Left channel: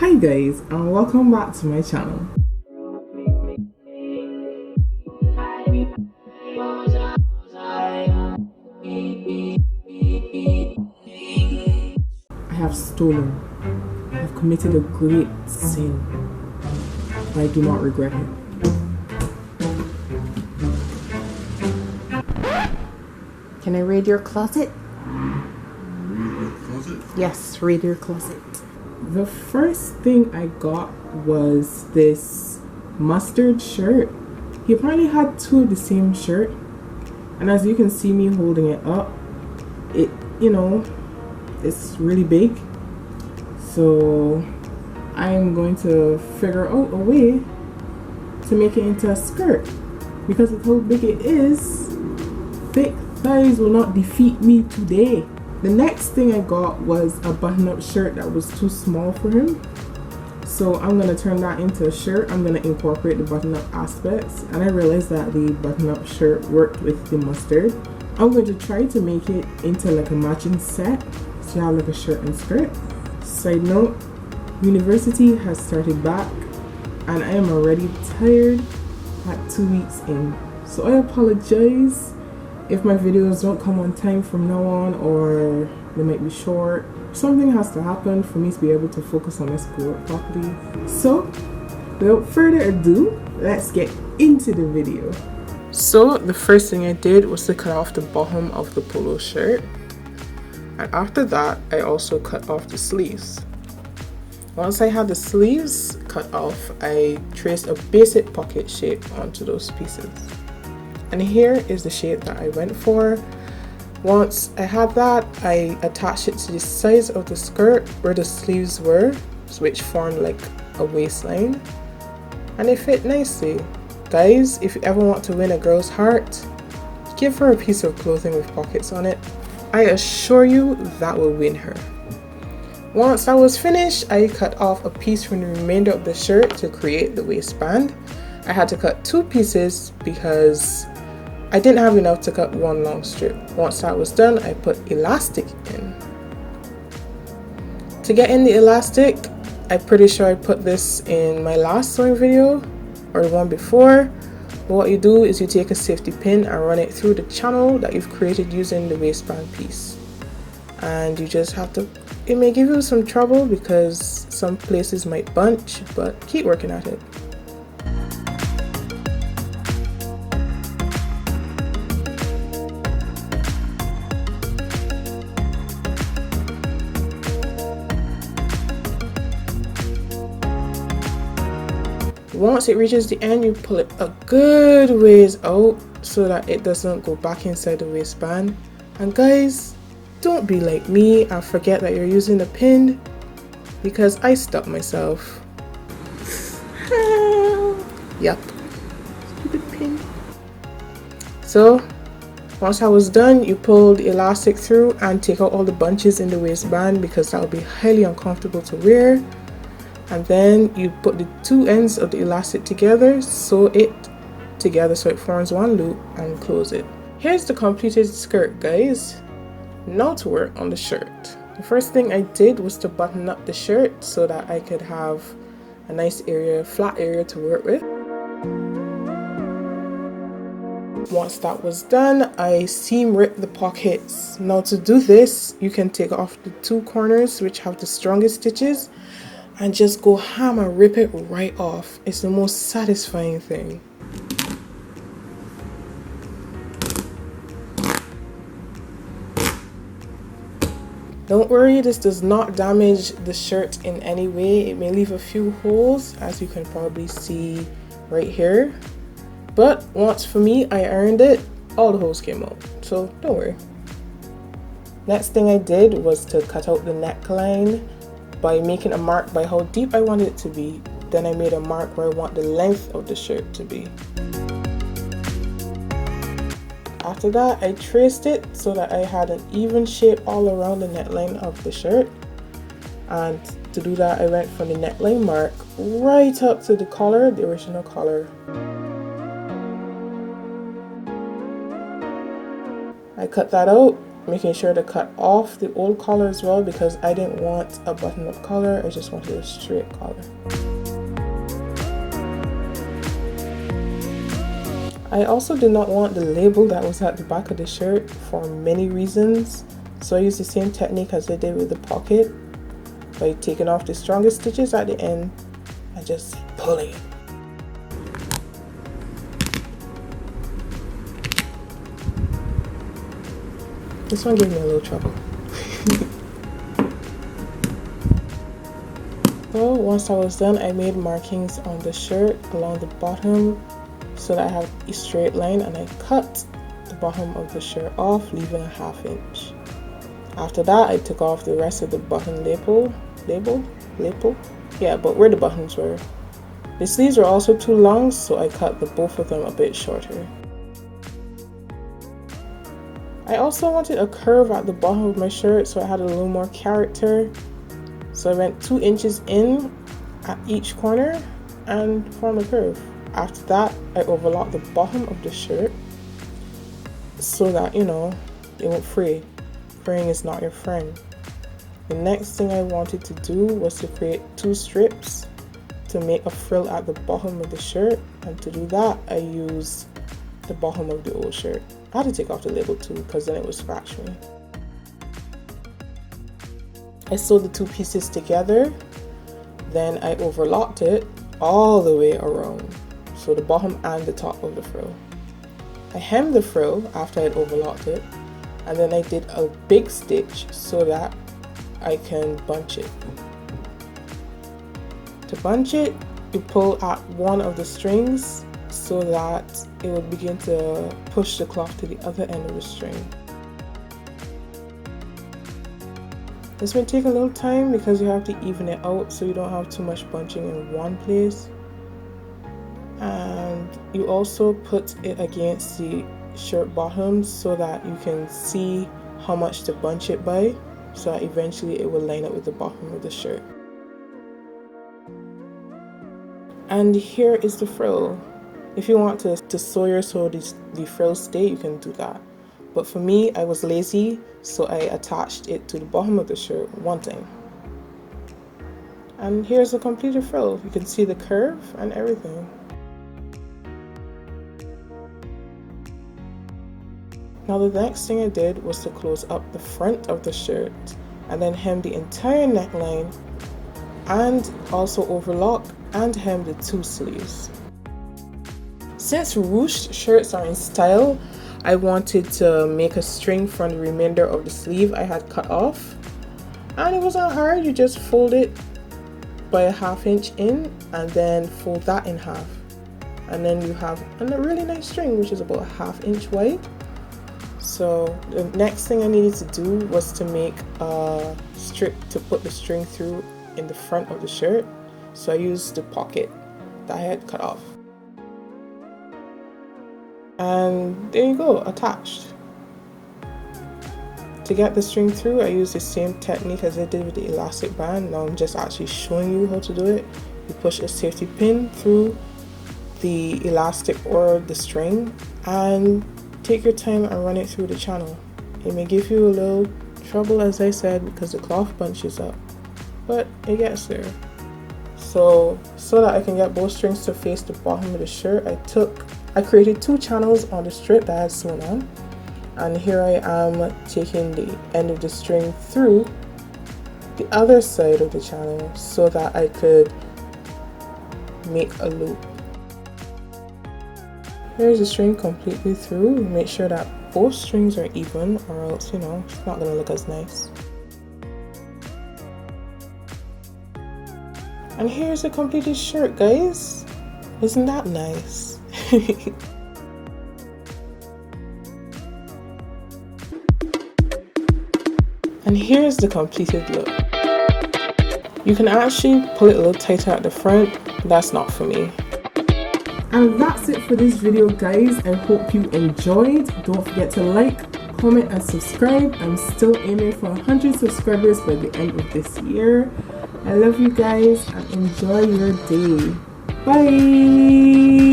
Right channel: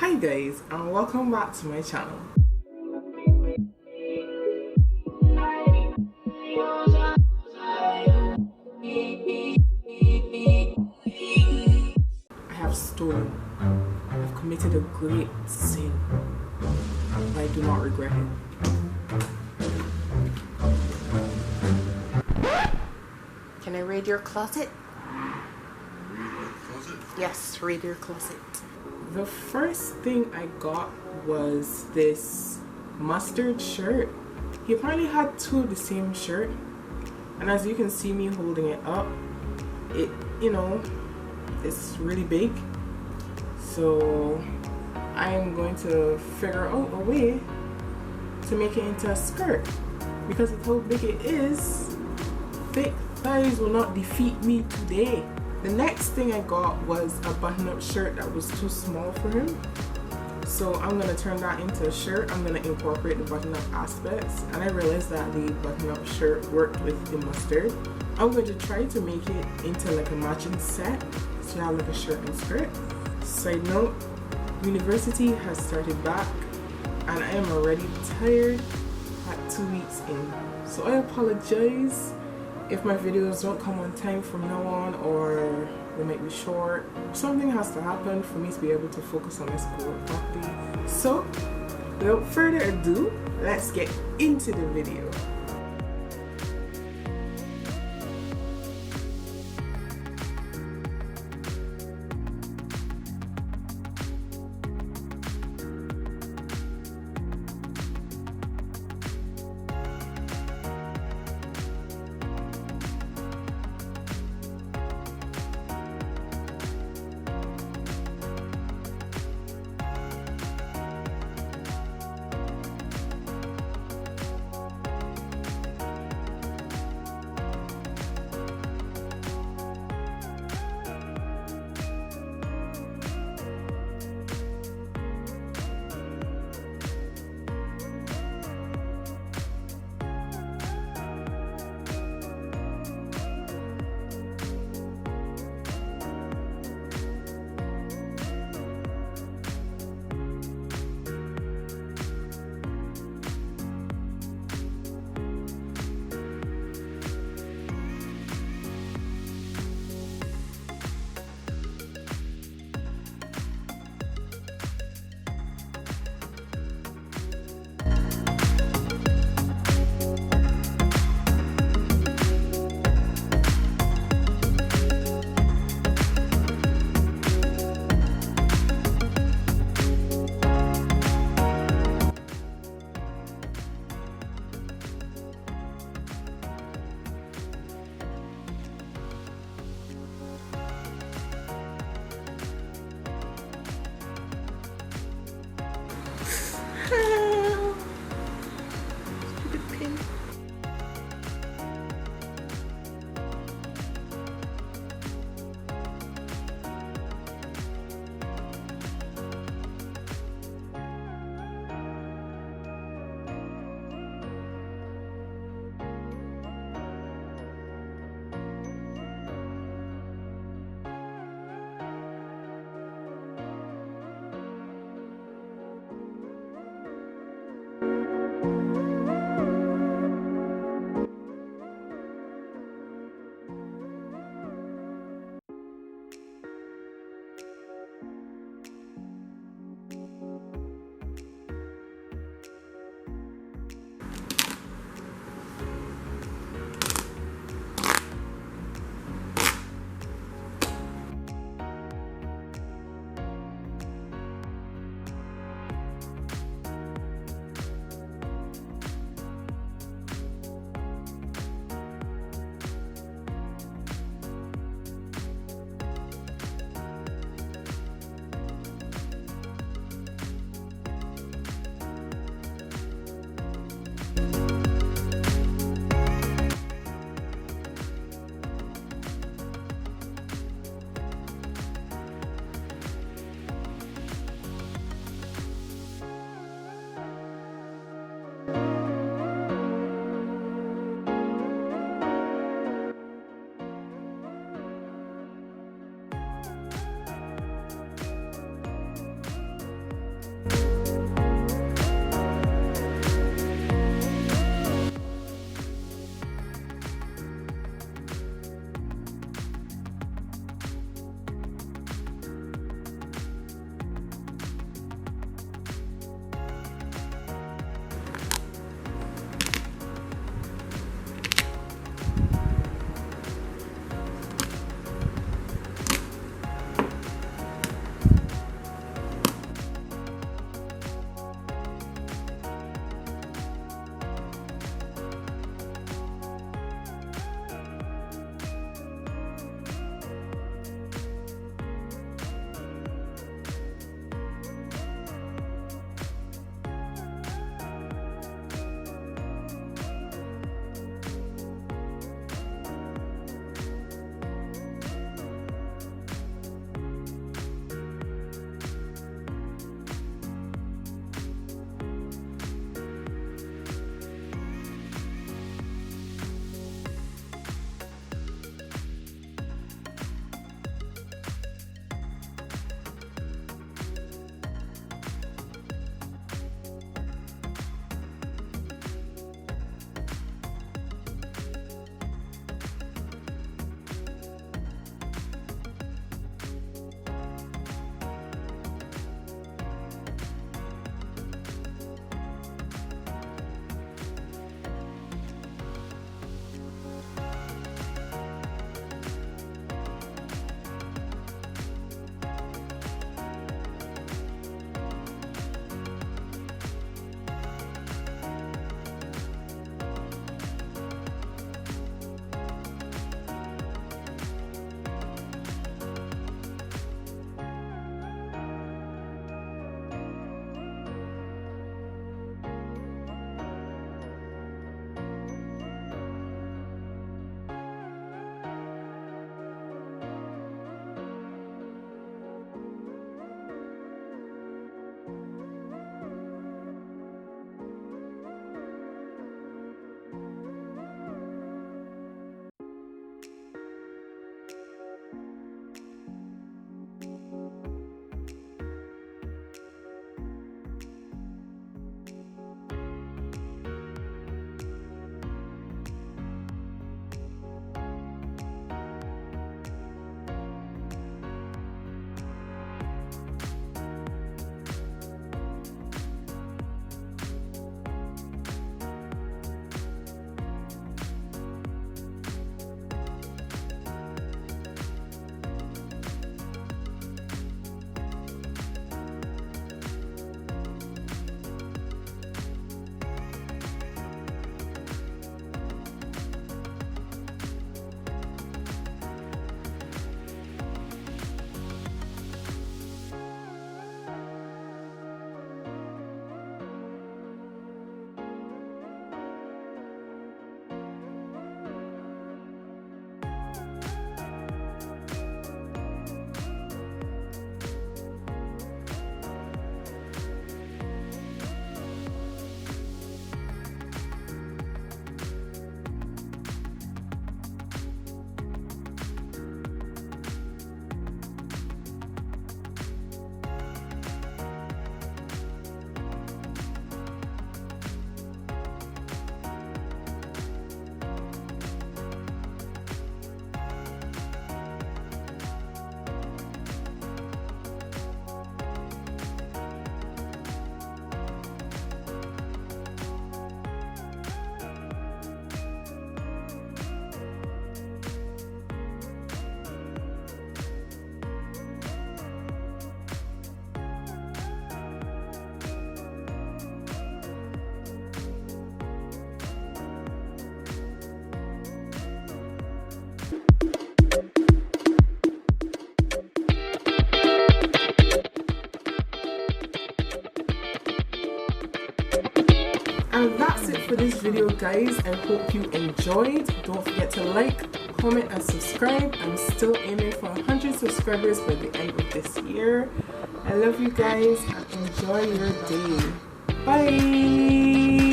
Hi guys, and welcome back to my channel. I have stolen. I have committed a great sin, but I do not regret it. Can I raid your closet? Raid your closet? Yes, raid your closet. The first thing I got was this mustard shirt. He apparently had two of the same shirt, and as you can see me holding it up, it's really big. So I am going to figure out a way to make it into a skirt, because with how big it is, thick thighs will not defeat me today. The next thing I got was a button-up shirt that was too small for him. So I'm going to turn that into a shirt. I'm going to incorporate the button-up aspects. And I realized that the button-up shirt worked with the mustard. I'm going to try to make it into like a matching set. So you have like a shirt and skirt. Side note, university has started back and I am already tired at 2 weeks in. So I apologize if my videos don't come on time from now on, or they might be short. Something has to happen for me to be able to focus on my schoolwork properly. So without further ado, let's get into the video. So the first thing I did was to cut off the bottom of the polo shirt, and after that I also cut off the sleeves. Once I had the sleeves cut off, I traced a basic pocket shape onto those pieces. And here is the shape that I went for. Once I had that, I attached it to the sides of the skirt where the sleeves were, which formed like a waistline, and it fit nicely. Guys, if you ever want to win a girl's heart, give her a piece of clothing with pockets on it. I assure you that will win her. Once I was finished, I cut off a piece from the remainder of the shirt to create the waistband. I had to cut two pieces because I didn't have enough to cut one long strip. Once that was done, I put elastic in. To get in the elastic, I'm pretty sure I put this in my last sewing video or the one before. But what you do is you take a safety pin and run it through the channel that you've created using the waistband piece. And you just have to, it may give you some trouble because some places might bunch, but keep working at it. Once it reaches the end, you pull it a good ways out so that it doesn't go back inside the waistband. And guys, don't be like me and forget that you're using the pin, because I stopped myself. Yup, stupid pin. So once I was done, you pull the elastic through and take out all the bunches in the waistband, because that would be highly uncomfortable to wear. And then you put the two ends of the elastic together, sew it together so it forms one loop, and close it. Here's the completed skirt, guys. Now to work on the shirt. The first thing I did was to button up the shirt so that I could have a nice area, flat area to work with. Once that was done, I seam ripped the pockets. Now to do this, you can take off the two corners which have the strongest stitches and just go ham and rip it right off. It's the most satisfying thing. Don't worry, this does not damage the shirt in any way. It may leave a few holes, as you can probably see right here. But once for me, I ironed it, all the holes came out, so don't worry. Next thing I did was to cut out the neckline by making a mark by how deep I wanted it to be. Then I made a mark where I want the length of the shirt to be. After that, I traced it so that I had an even shape all around the neckline of the shirt. And to do that, I went from the neckline mark right up to the collar, the original collar. I cut that out making sure to cut off the old collar as well, because I didn't want a button-up collar, I just wanted a straight collar. I also did not want the label that was at the back of the shirt for many reasons, so I used the same technique as I did with the pocket, by taking off the strongest stitches at the end and just pulling. This one gave me a little trouble. So once I was done, I made markings on the shirt along the bottom so that I have a straight line, and I cut the bottom of the shirt off, leaving a 1/2 inch. After that, I took off the rest of the button label? Yeah, but where the buttons were. The sleeves were also too long, so I cut both of them a bit shorter. I also wanted a curve at the bottom of my shirt, so I had a little more character. So I went 2 inches in at each corner and formed a curve. After that, I overlocked the bottom of the shirt so that, it won't fray. Fraying is not your friend. The next thing I wanted to do was to create 2 strips to make a frill at the bottom of the shirt, and to do that, I used the bottom of the old shirt. I had to take off the label too, because then it was fracturing. I sewed the 2 pieces together, then I overlocked it all the way around, so the bottom and the top of the frill. I hemmed the frill after I'd overlocked it, and then I did a big stitch so that I can bunch it. To bunch it, you pull at one of the strings so that it will begin to push the cloth to the other end of the string. This may take a little time because you have to even it out so you don't have too much bunching in one place. And you also put it against the shirt bottom so that you can see how much to bunch it by, so that eventually it will line up with the bottom of the shirt. And here is the frill. If you want to sew your the frill stay, you can do that. But for me, I was lazy, so I attached it to the bottom of the shirt one time. And here's the completed frill. You can see the curve and everything. Now the next thing I did was to close up the front of the shirt and then hem the entire neckline, and also overlock and hem the 2 sleeves. Since ruched shirts are in style, I wanted to make a string from the remainder of the sleeve I had cut off, and it wasn't hard. You just fold it by a 1/2 inch in and then fold that in half, and then you have a really nice string which is about a 1/2 inch wide. So the next thing I needed to do was to make a strip to put the string through in the front of the shirt, so I used the pocket that I had cut off. And there you go, attached. To get the string through, I used the same technique as I did with the elastic band. Now I'm just actually showing you how to do it. You push a safety pin through the elastic or the string, and take your time and run it through the channel. It may give you a little trouble, as I said, because the cloth bunches up, but it gets there. So that I can get both strings to face the bottom of the shirt, I created 2 channels on the strip that I had sewn on, and here I am taking the end of the string through the other side of the channel so that I could make a loop. Here's the string completely through. Make sure that both strings are even, or else, it's not gonna look as nice. And here's a completed shirt, guys. Isn't that nice? And here's the completed look. You can actually pull it a little tighter at the front. That's not for me. And that's it for this video, guys. I hope you enjoyed. Don't forget to like, comment and subscribe. I'm still aiming for 100 subscribers by the end of this year. I love you guys and enjoy your day. Bye.